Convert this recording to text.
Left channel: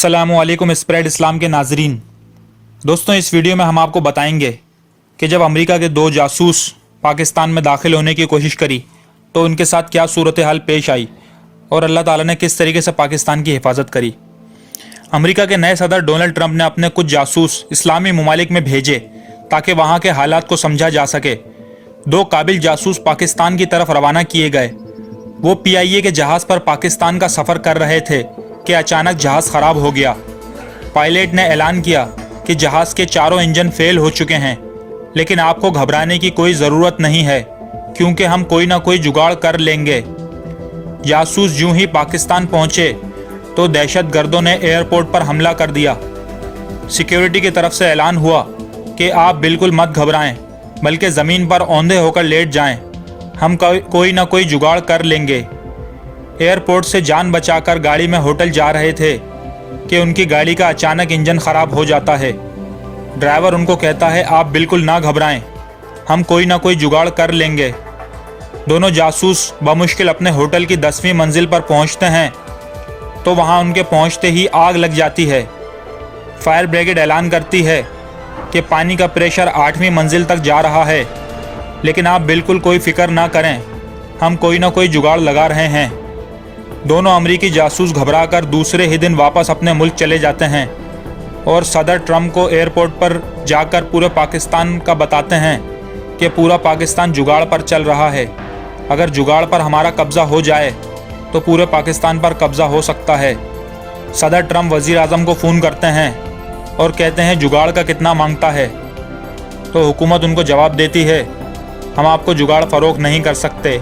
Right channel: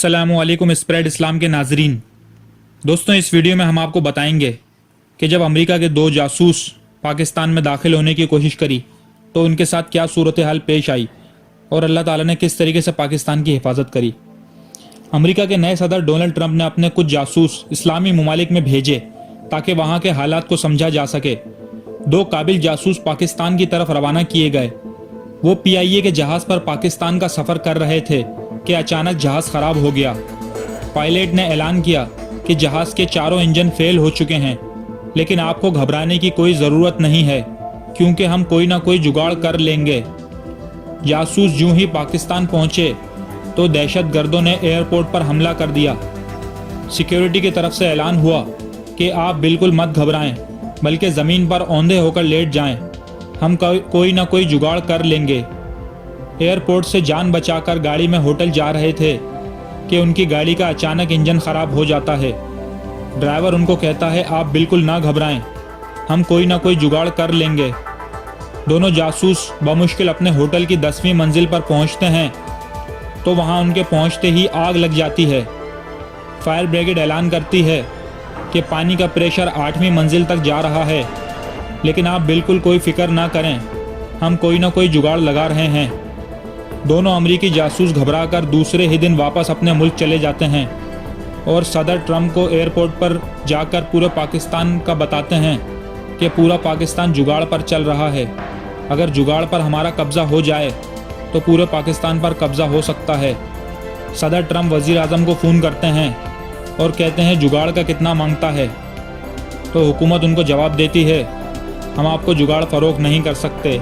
अस्सलामुअलैकुम स्प्रेड इस्लाम के नाजरीन। दोस्तों, इस वीडियो में हम आपको बताएंगे कि जब अमेरिका के 2 जासूस पाकिस्तान में दाखिल होने की कोशिश करी तो उनके साथ क्या सूरत हाल पेश आई और अल्लाह ताला ने किस तरीके से पाकिस्तान की हिफाजत करी। अमेरिका के नए सदर डोनाल्ड ट्रंप ने अपने कुछ जासूस इस्लामी ममालिक में भेजे ताकि वहाँ के हालात को समझा जा सके। 2 काबिल जासूस पाकिस्तान की तरफ रवाना किए गए। वो PIA के जहाज़ पर पाकिस्तान का सफ़र कर रहे थे कि अचानक जहाज़ ख़राब हो गया। पायलट ने ऐलान किया कि जहाज़ के चारों इंजन फेल हो चुके हैं, लेकिन आपको घबराने की कोई ज़रूरत नहीं है क्योंकि हम कोई ना कोई जुगाड़ कर लेंगे। जासूस यूं ही पाकिस्तान पहुंचे तो दहशतगर्दों ने एयरपोर्ट पर हमला कर दिया। सिक्योरिटी की तरफ से ऐलान हुआ कि आप बिल्कुल मत घबराएं, बल्कि ज़मीन पर औंधे होकर लेट जाएं, हम कोई ना कोई जुगाड़ कर लेंगे। एयरपोर्ट से जान बचाकर गाड़ी में होटल जा रहे थे कि उनकी गाड़ी का अचानक इंजन ख़राब हो जाता है। ड्राइवर उनको कहता है, आप बिल्कुल ना घबराएं, हम कोई ना कोई जुगाड़ कर लेंगे। दोनों जासूस बमुश्किल अपने होटल की 10वीं मंजिल पर पहुंचते हैं तो वहां उनके पहुंचते ही आग लग जाती है। फायर ब्रिगेड ऐलान करती है कि पानी का प्रेशर 8वीं मंजिल तक जा रहा है, लेकिन आप बिल्कुल कोई फिक्र ना करें, हम कोई ना कोई जुगाड़ लगा रहे हैं। दोनों अमेरिकी जासूस घबराकर दूसरे ही दिन वापस अपने मुल्क चले जाते हैं और सदर ट्रंप को एयरपोर्ट पर जाकर पूरे पाकिस्तान का बताते हैं कि पूरा पाकिस्तान जुगाड़ पर चल रहा है। अगर जुगाड़ पर हमारा कब्ज़ा हो जाए तो पूरे पाकिस्तान पर कब्ज़ा हो सकता है। सदर ट्रंप वज़ीर आज़म को फ़ोन करते हैं और कहते हैं जुगाड़ का कितना मांगता है, तो हुकूमत उनको जवाब देती है, हम आपको जुगाड़ फ़रोख्त नहीं कर सकते,